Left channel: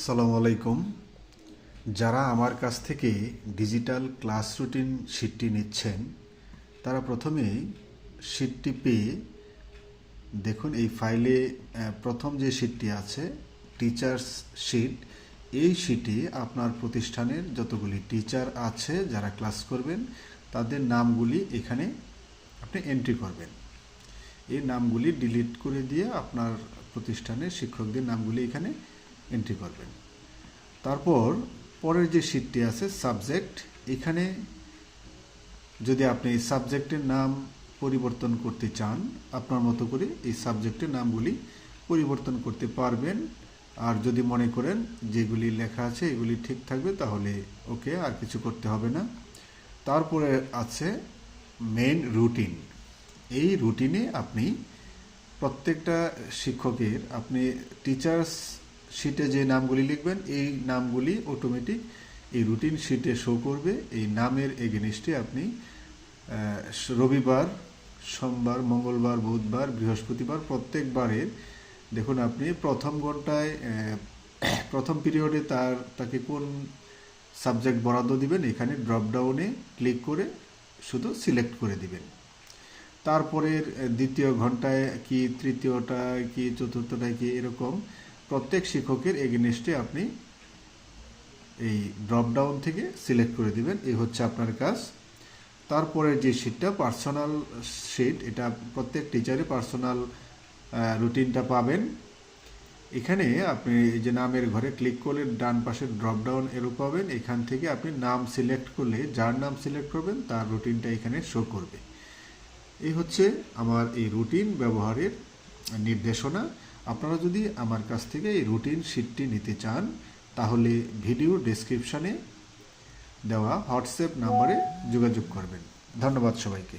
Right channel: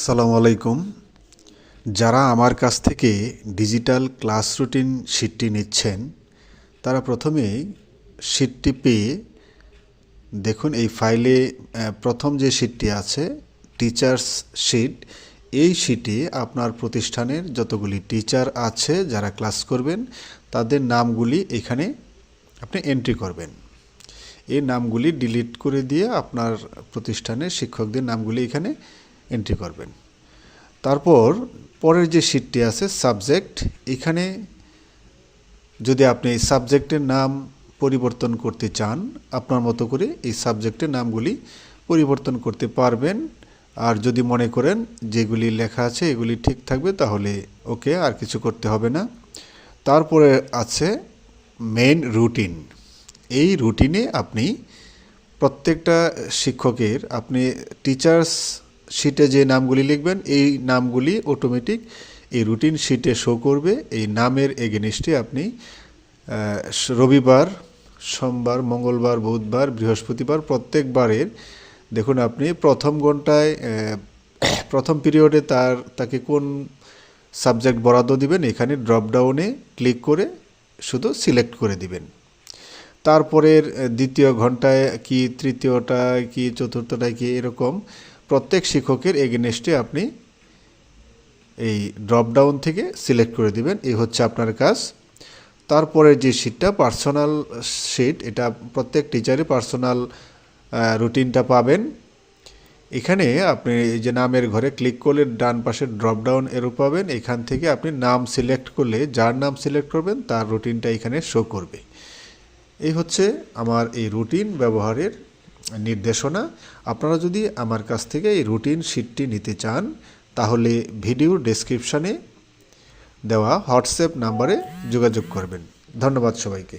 আসসালামু আলাইকুম। যারা আমার কাছ থেকে ডিজিটাল ক্লাস রুটিন শিটটি নিচ্ছেন তারা প্রথমেই শিটটি পেয়ে দেখুন এই ফাইলে প্রথম যে শিটটি আছে টিচার্স শিট, এই শিটে আপনার প্রতিষ্ঠানের যতগুলি টিচার আছে যারা ক্লাস করবেন তাদের নামগুলি এখানে আপনি এন্ট্রি করবেন। এই নামগুলি ডিলিট করে দিয়ে আপনার প্রতিষ্ঠানের শিক্ষকদের নামগুলি এখানে এন্ট্রি করবেন। তারপর পরের যে শিটটি আছে সাবজেক্ট, এখানে যদি আপনি এই সাবজেক্টের নাম পরিবর্তন করতে চান আপনার মতো করে এই সাবজেক্টের নামগুলি পরিবর্তন করতে পারবেন। আর যদি মনে করেন যেগুলি লেখা আছে এগুলি ঠিক থাকবে তাহলে ওকে, আর কিছু করতে হবে না। তারপরে আছে মেইন রুটিন। এই রুটিনে আপনি প্রত্যেকটা শিক্ষকের আপনি টিচার্স শিটে যে নামগুলি লিখবেন এই নামগুলি অটোমেটিক এই রুটিন শিটে শো করবে। এই নামের এগেনিস্টে আপনি রবিবার, সোমবার, মঙ্গলবার, বুধবার, বৃহস্পতিবার প্রত্যেকবারের দেখুন আপনি প্রথম ঘন্টায় প্রথম পিরিয়ডে তাকে কোন সাবজেক্ট বরাদ্দ দিবেন এখানে ড্রপডাউনে ক্লিক করে শুধু সিলেক্ট করে দিবেন। তারপরের দ্বিতীয় ঘন্টায় কি, তৃতীয়টায় কি, চতুর্থটায় কি, এরকম প্রত্যেক শিক্ষকের এগেনস্টে আপনি এই ড্রপডাউন থেকে সিলেক্ট করে দিবেন। এই হচ্ছে আপনার কাজ। তারপরের যে শিটটা পার্সোনাল শিট, এটা প্রত্যেক টিচারের পার্সোনাল রুটিনটা পাবেন। এখানে আপনি এই যে নামের ঘরে ক্লিক করলে ডান পাশে ড্রপডাউন এরো পাবেন। এখান থেকে আপনি নাম সিলেক্ট করলে যার নাম সিলেক্ট করবেন তার রুটিনটা এখানে শো করবে। এই হচ্ছে আমার এই রুটিন ব্যবহারের নির্দেশনা। আপনারা যদি আমার কাছ থেকে এই রুটিন শিটটি নিতে চান তাহলে ভিডিও ডেসক্রিপশানে দেওয়া হোয়াটসঅ্যাপ নাম্বারে যোগাযোগ করবেন। ধন্যবাদ সবাইকে।